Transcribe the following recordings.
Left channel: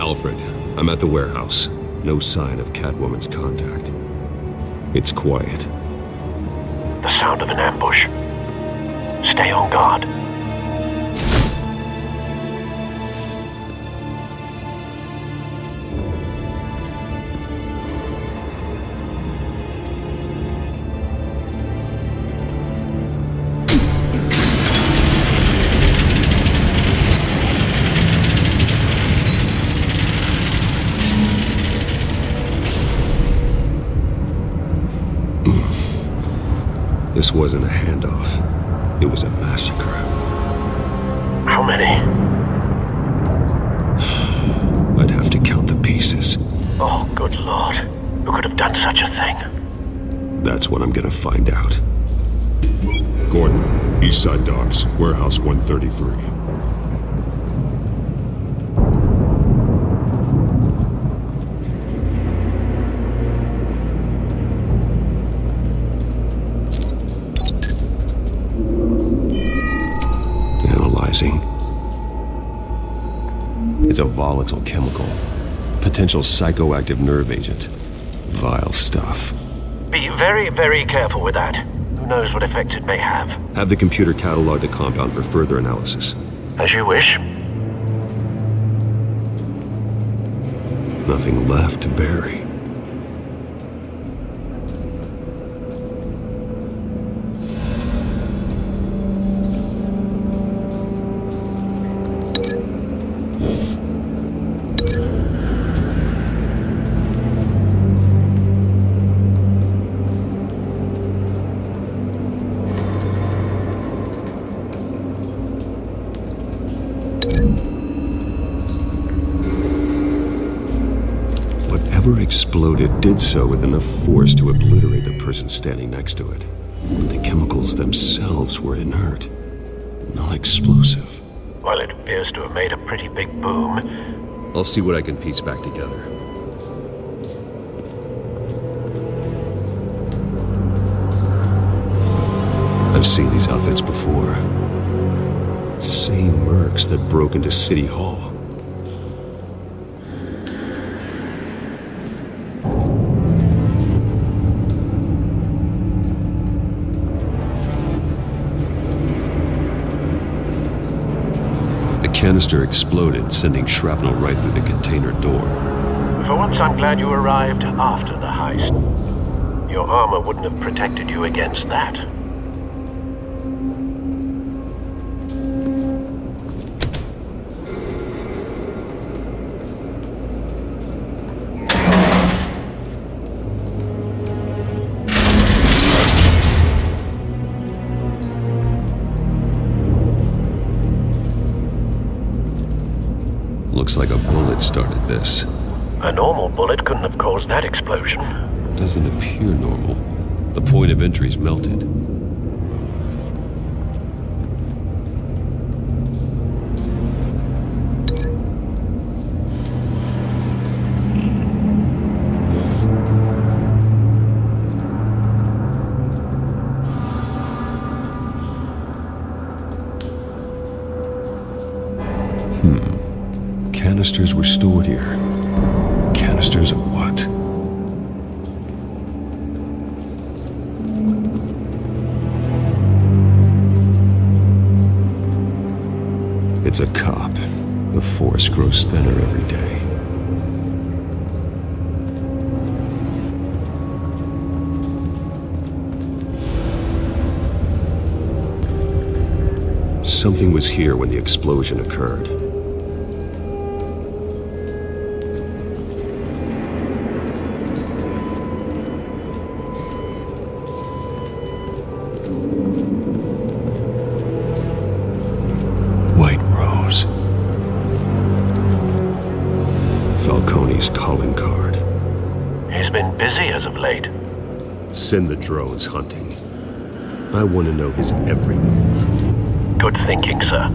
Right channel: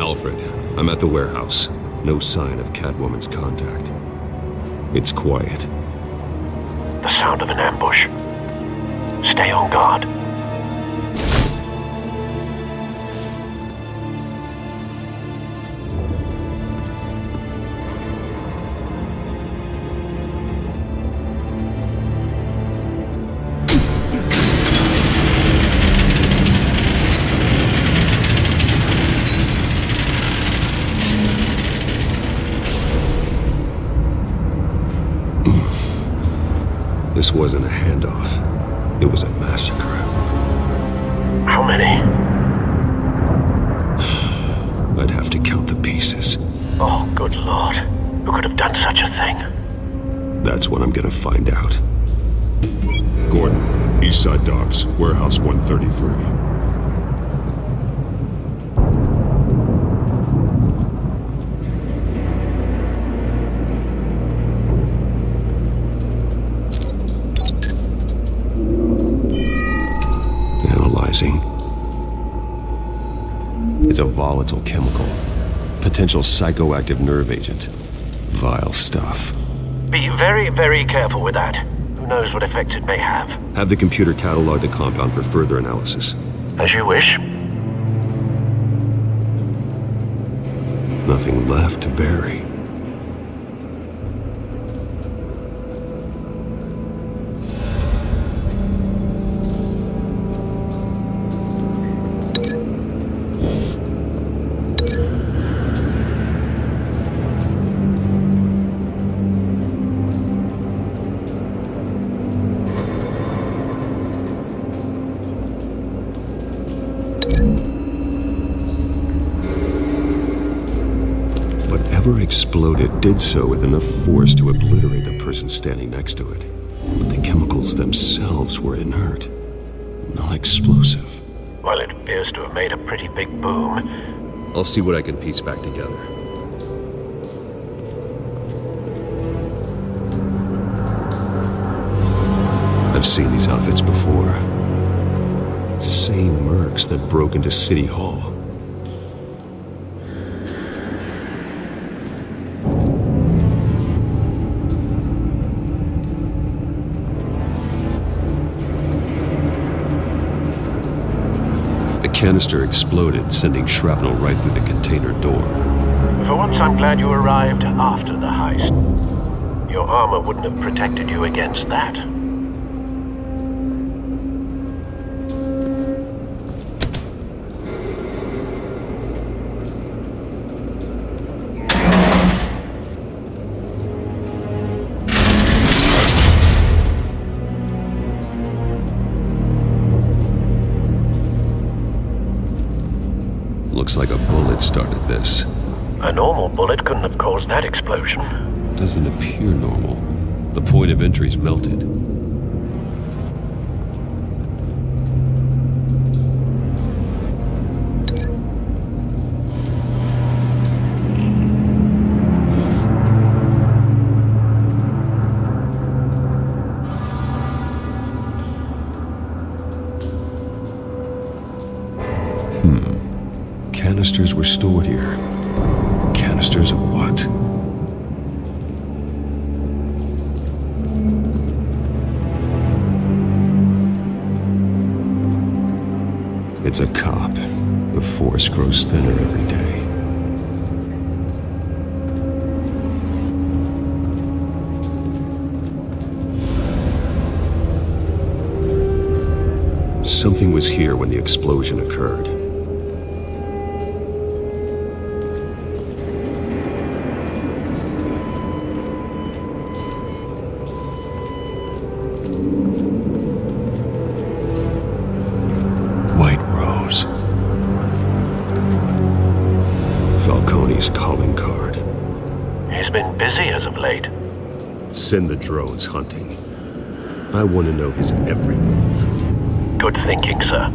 Alfred, I'm at the warehouse. No sign of Catwoman's contact. It's quiet. The sound of an ambush. Stay on guard. This wasn't a handoff. It was a massacre. How many? I'd have to count the pieces. Oh, good Lord. Who could have done such a thing? That's what I'm gonna find out. Gordon, Eastside Docks, Warehouse 133. Analyzing. It's a volatile chemical. Potential psychoactive nerve agent. Vile stuff. Be very, very careful with that. Who knows what effects it may have. Have the computer catalog the compound for further analysis. As you wish. Nothing left to bury. Whatever exploded did so with enough force to obliterate the person standing next to it. But the chemicals themselves were inert, not explosive. Well, it appears to have made a pretty big boom. I'll see what I can piece back together. I've seen these outfits before. Same mercs that broke into City Hall. The canister exploded, sending shrapnel right through the container door. For once, I'm glad you arrived after the heist. Your armor wouldn't have protected you against that. Looks like a bullet started this. A normal bullet couldn't have caused that explosion. Doesn't appear normal. The point of entry's melted. Canisters were stored here. Canisters of what? It's a cop. The force grows thinner every day. Something was here when the explosion occurred. White Rose. Falcone's calling card. He's been busy as of late. Send the drones hunting. I want to know his every move. Good thinking, sir.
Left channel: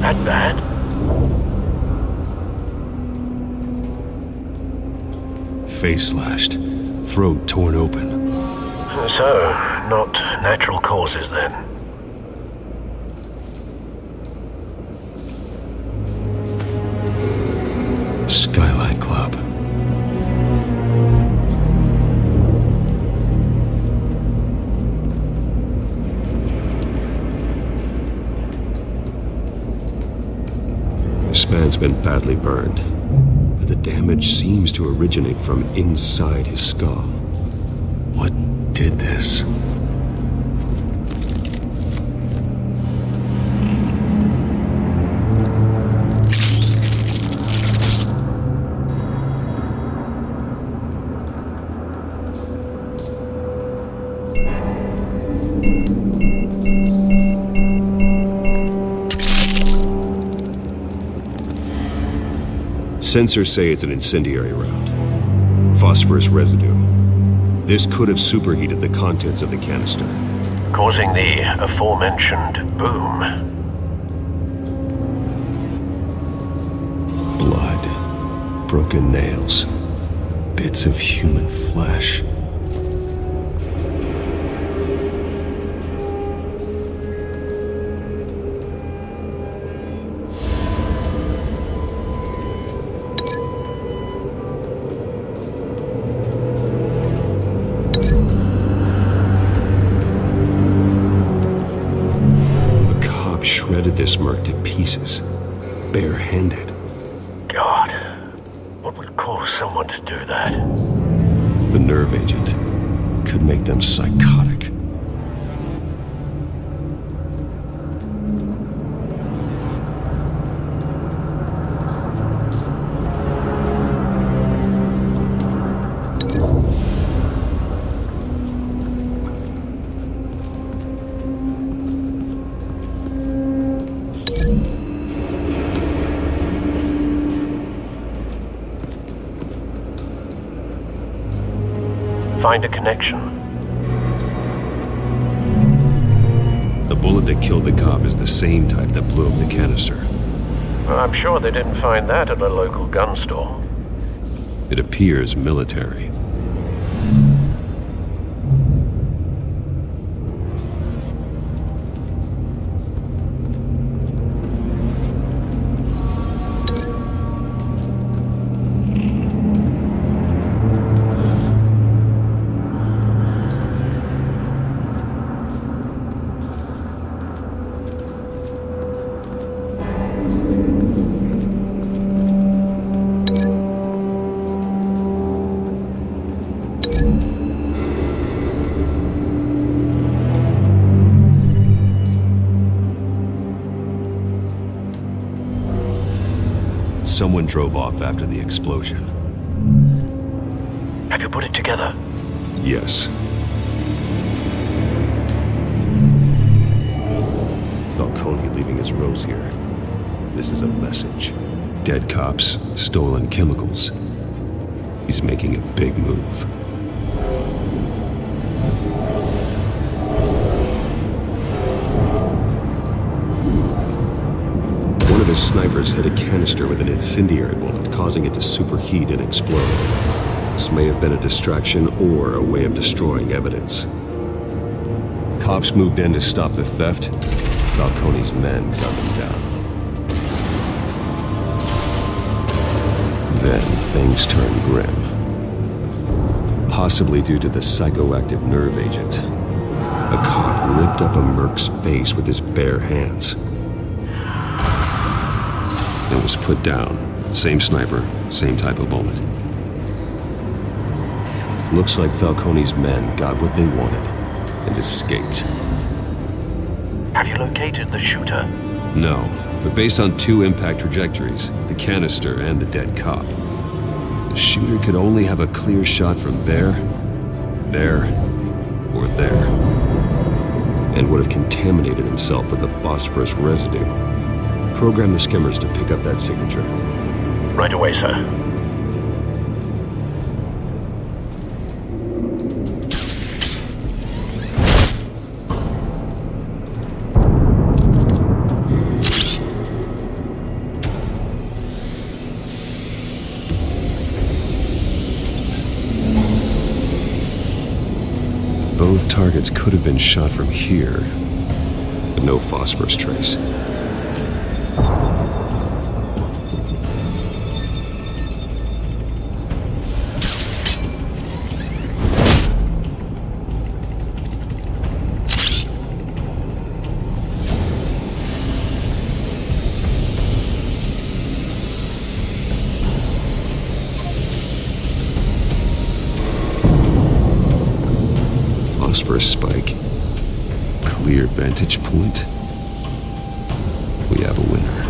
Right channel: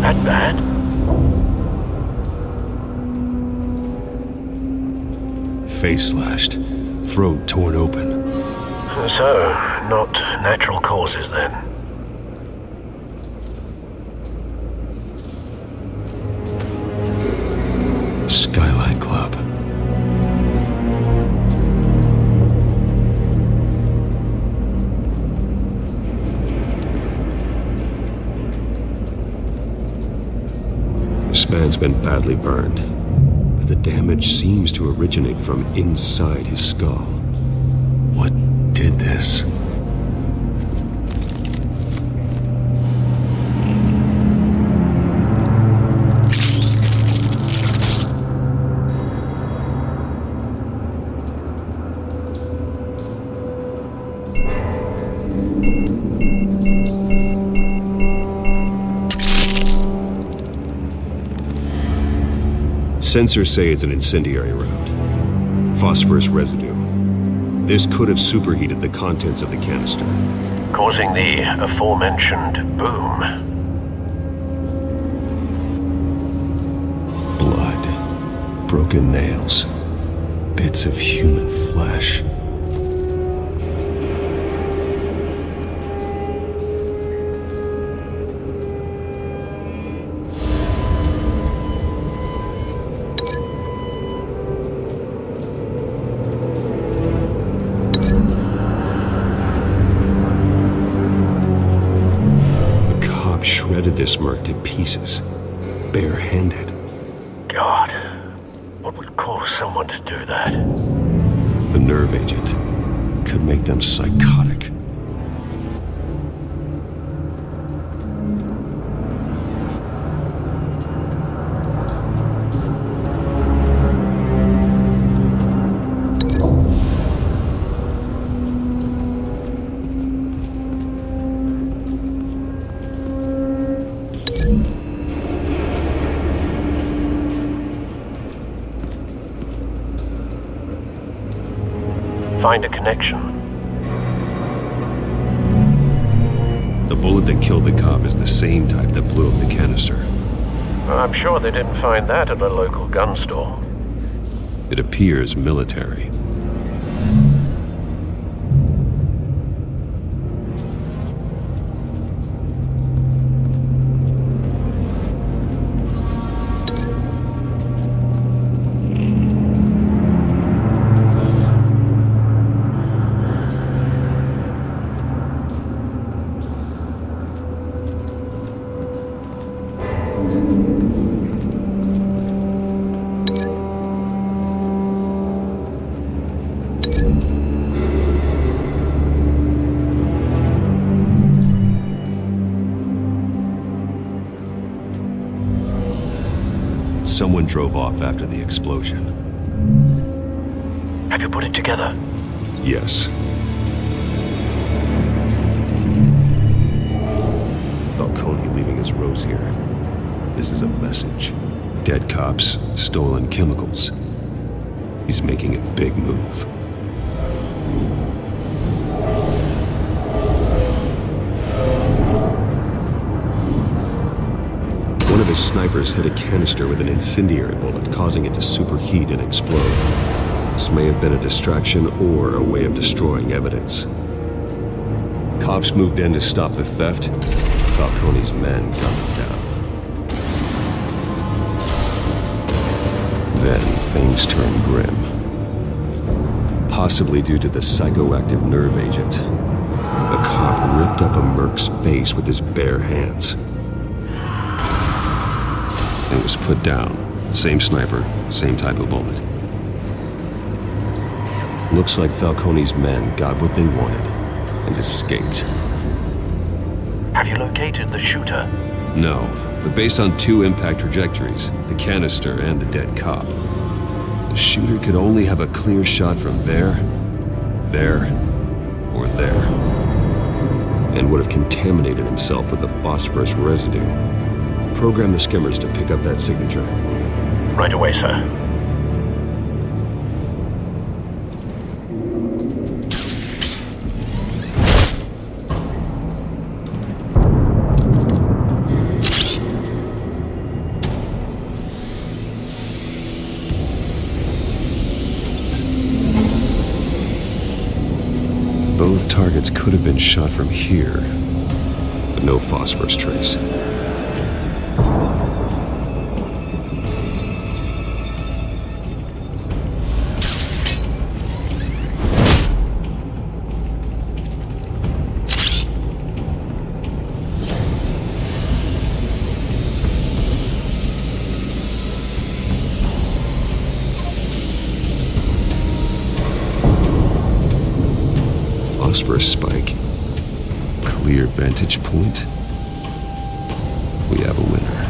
That bad? Face slashed. throat torn open. So, not natural causes then. Skyline Club. This man's been badly burned, but the damage seems to originate from inside his skull. What did this? Sensors say it's an incendiary round. Phosphorus residue. This could have superheated the contents of the canister, Causing the aforementioned boom. blood, broken nails, bits of human flesh. Shredded this merc to pieces, bare-handed. God, what would cause someone to do that? The nerve agent could make them psychotic. Find a connection. The bullet that killed the cop is the same type that blew up the canister. Well, I'm sure they didn't find that at a local gun store. It appears military. Someone drove off after the explosion. Have you put it together? Yes. Falcone leaving his rose here. This is a message. Dead cops, stolen chemicals. He's making a big move. One of his snipers hit a canister with an incendiary bullet, causing it to superheat and explode. This may have been a distraction or a way of destroying evidence. Cops moved in to stop the theft. Falcone's men gunned him down. Then things turned grim. Possibly due to the psychoactive nerve agent. A cop ripped up a merc's face with his bare hands and was put down. Same sniper, same type of bullet. Looks like Falcone's men got what they wanted and escaped. Have you located the shooter? No, but based on two impact trajectories, the canister and the dead cop, the shooter could only have a clear shot from there, or there, and would have contaminated himself with the phosphorus residue. Program the skimmers to pick up that signature. Right away, sir. Both targets could have been shot from here, but no phosphorus trace. Phosphorus spike. Clear vantage point. We have a winner.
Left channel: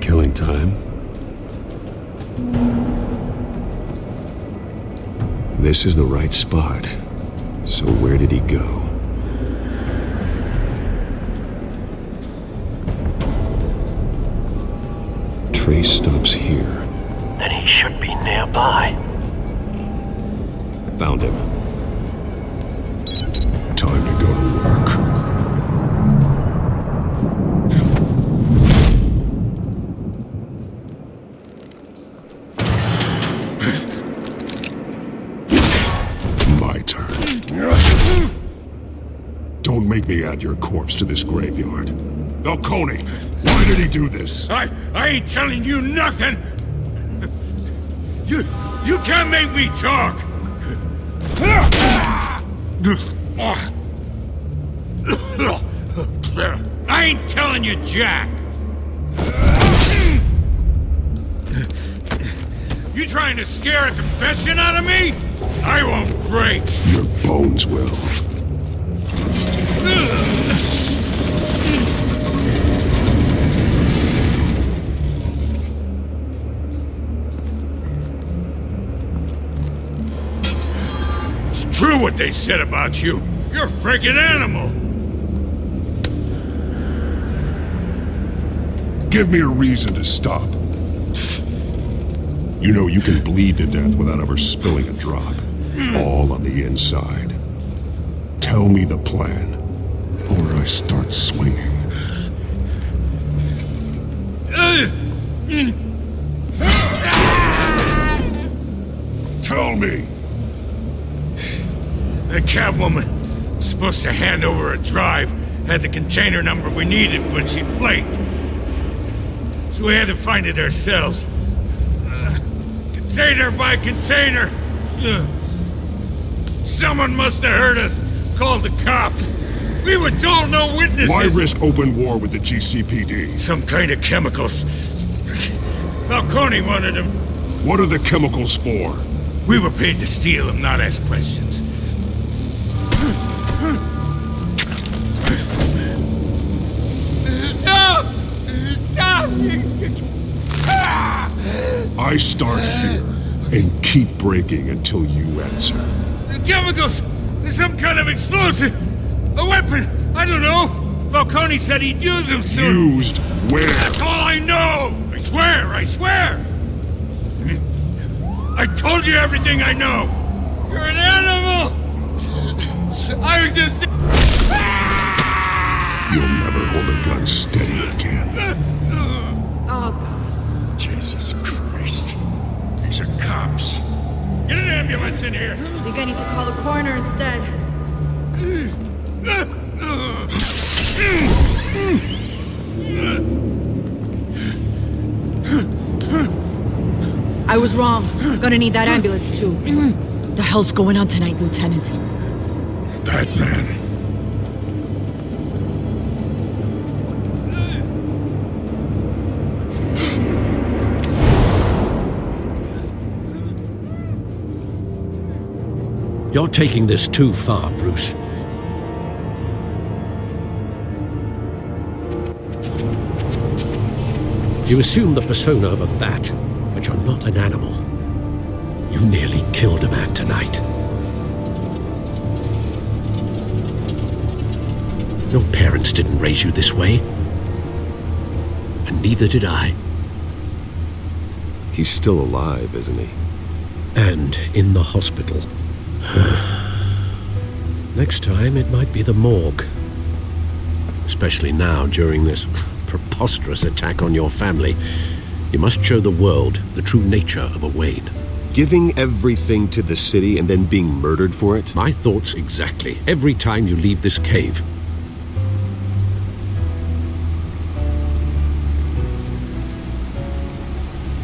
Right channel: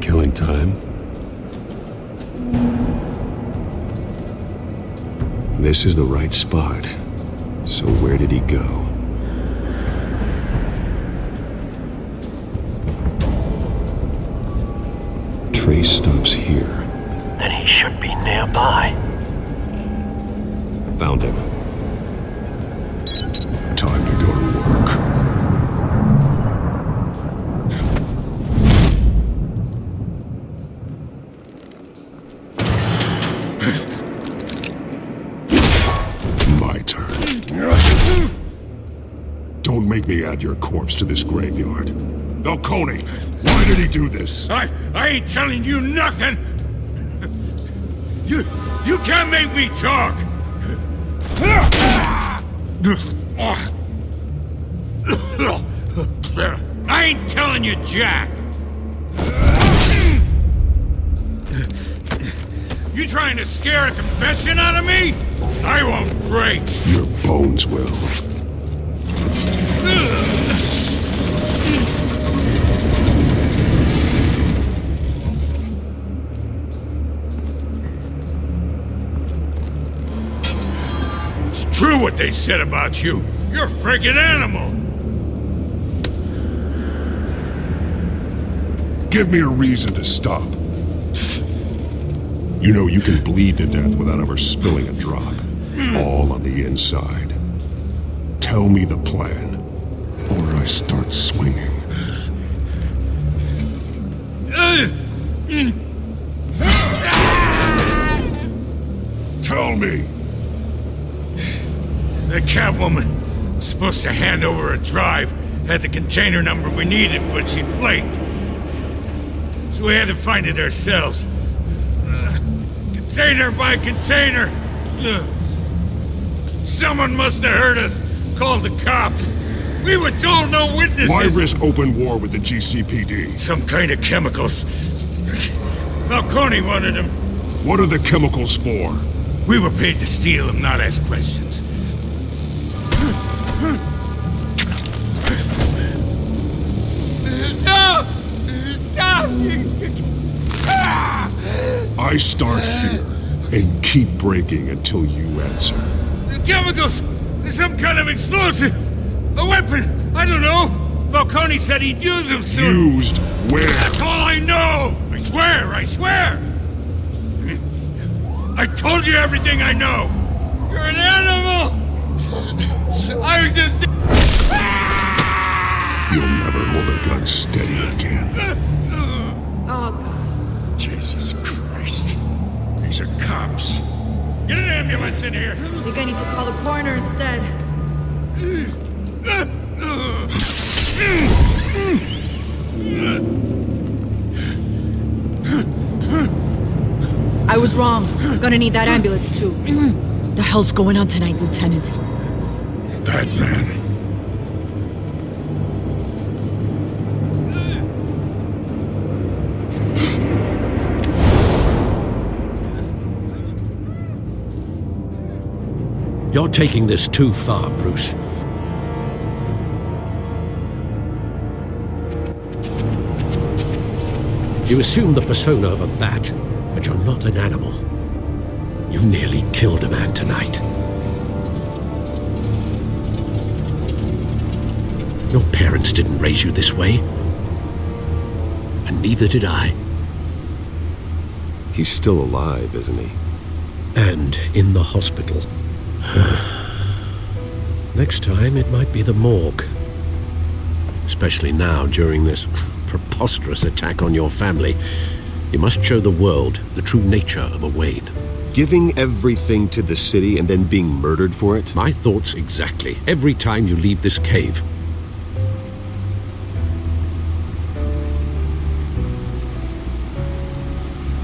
Killing time. This is the right spot. So where did he go? Trace stops here. Then he should be nearby. Found him. Time to go to work. My turn. Don't make me add your corpse to this graveyard. Falcone, why did he do this? I ain't telling you nothing! You can't make me talk! I ain't telling you jack! You trying to scare a confession out of me? I won't break! Your bones will. True what they said about you. You're a freaking animal. Give me a reason to stop. You know you can bleed to death without ever spilling a drop. All on the inside. Tell me the plan, or I start swinging. Tell me! The Catwoman was supposed to hand over a drive, had the container number we needed, but she flaked. So we had to find it ourselves. Container by container. Someone must have heard us, called the cops. We were told no witnesses. Why risk open war with the GCPD? Some kind of chemicals. Falcone wanted them. What are the chemicals for? We were paid to steal them, not ask questions. No! Stop! I start here and keep breaking until you answer. The chemicals! There's some kind of explosive! A weapon! I don't know! Falcone said he'd use them soon! Used where? That's all I know! I swear! I swear! I told you everything I know! You're an animal! I was just... You'll never hold a gun steady again. Oh, God. Jesus Christ. These are cops. Get an ambulance in here! I think I need to call the coroner instead. I was wrong. Gonna need that ambulance, too. The hell's going on tonight, Lieutenant? Batman. You're taking this too far, Bruce. You assume the persona of a bat, but you're not an animal. You nearly killed a man tonight. Your parents didn't raise you this way. And neither did I. He's still alive, isn't he? And in the hospital. Next time, it might be the morgue. especially now during this preposterous attack on your family. You must show the world the true nature of a Wayne. Giving everything to the city and then being murdered for it? My thoughts exactly, every time you leave this cave.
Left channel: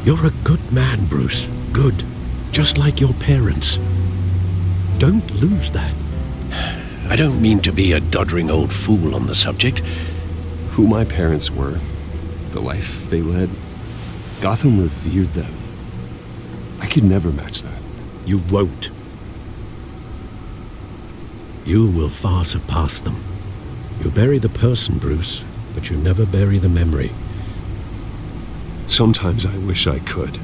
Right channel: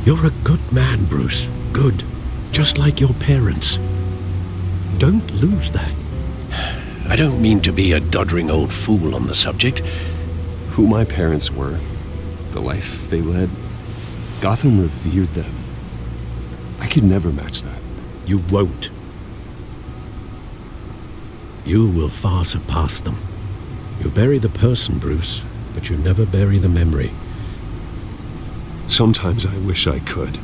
You're a good man, Bruce. Good. Just like your parents. Don't lose that. I don't mean to be a doddering old fool on the subject. Who my parents were, the life they led, Gotham revered them. I could never match that. You won't. You will far surpass them. You bury the person, Bruce, but you never bury the memory. Sometimes I wish I could.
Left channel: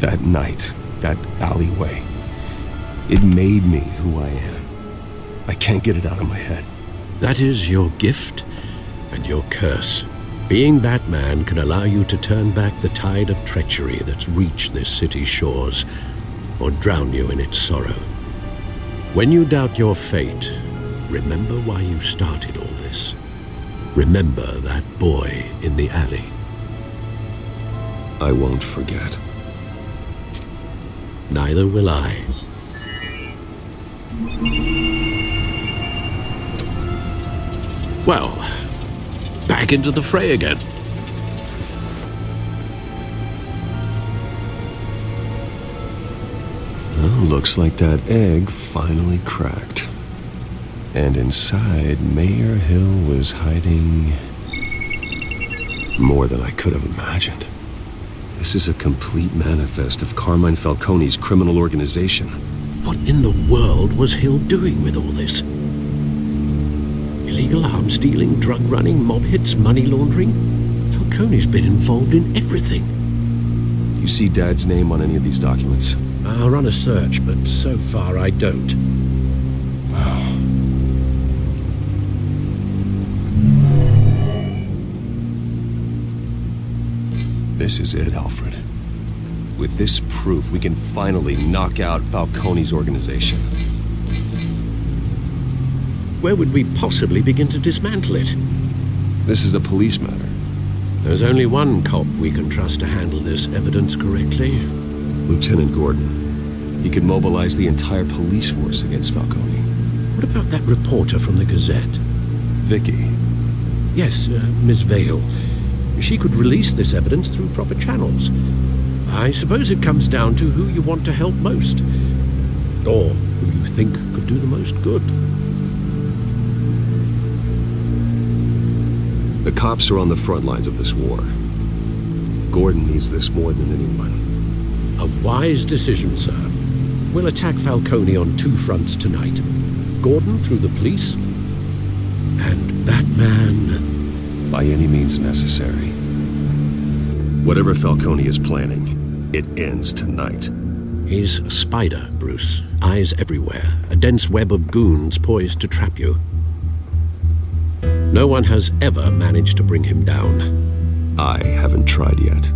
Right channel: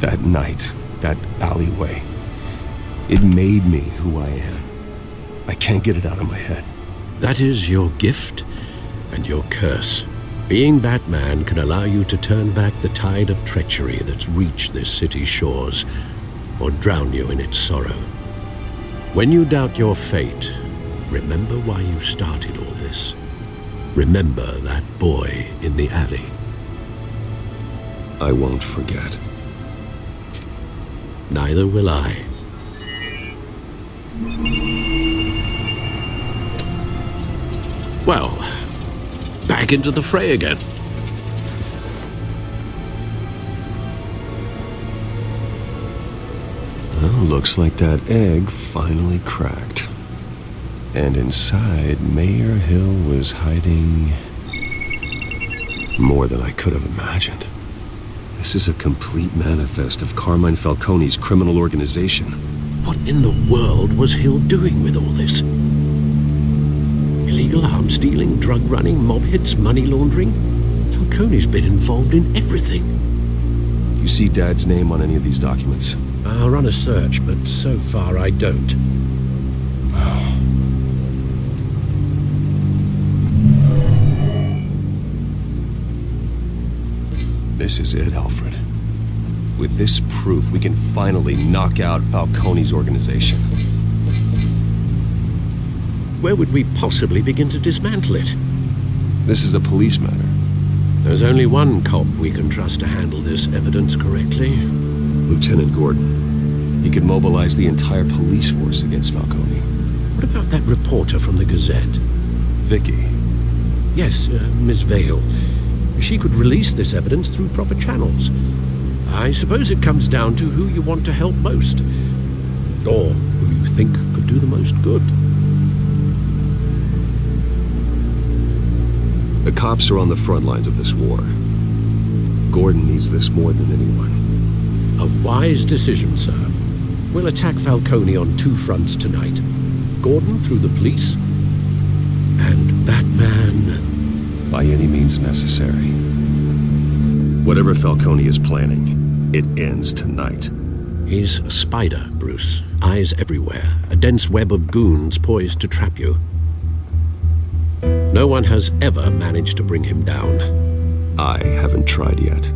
That night, that alleyway, it made me who I am. I can't get it out of my head. That is your gift and your curse. Being Batman can allow you to turn back the tide of treachery that's reached this city's shores, or drown you in its sorrow. When you doubt your fate, remember why you started all this. Remember that boy in the alley. I won't forget. Neither will I. Well, back into the fray again. Well, looks like that egg finally cracked. And inside, Mayor Hill was hiding more than I could have imagined. This is a complete manifest of Carmine Falcone's criminal organization. What in the world was Hill doing with all this? Illegal arms dealing, drug running, mob hits, money laundering? Falcone's been involved in everything. You see Dad's name on any of these documents? I'll run a search, but so far I don't. This is it, Alfred. With this proof, we can finally knock out Falcone's organization. Where would we possibly begin to dismantle it? This is a police matter. There's only one cop we can trust to handle this evidence correctly. Lieutenant Gordon. He could mobilize the entire police force against Falcone. What about that reporter from the Gazette? Vicky. Yes, Miss Vale. She could release this evidence through proper channels. I suppose it comes down to who you want to help most. Or who you think could do the most good. The cops are on the front lines of this war. Gordon needs this more than anyone. A wise decision, sir. We'll attack Falcone on two fronts tonight. Gordon through the police, and Batman by any means necessary. Whatever Falcone is planning, it ends tonight. He's a spider, Bruce. Eyes everywhere. A dense web of goons poised to trap you. No one has ever managed to bring him down. I haven't tried yet.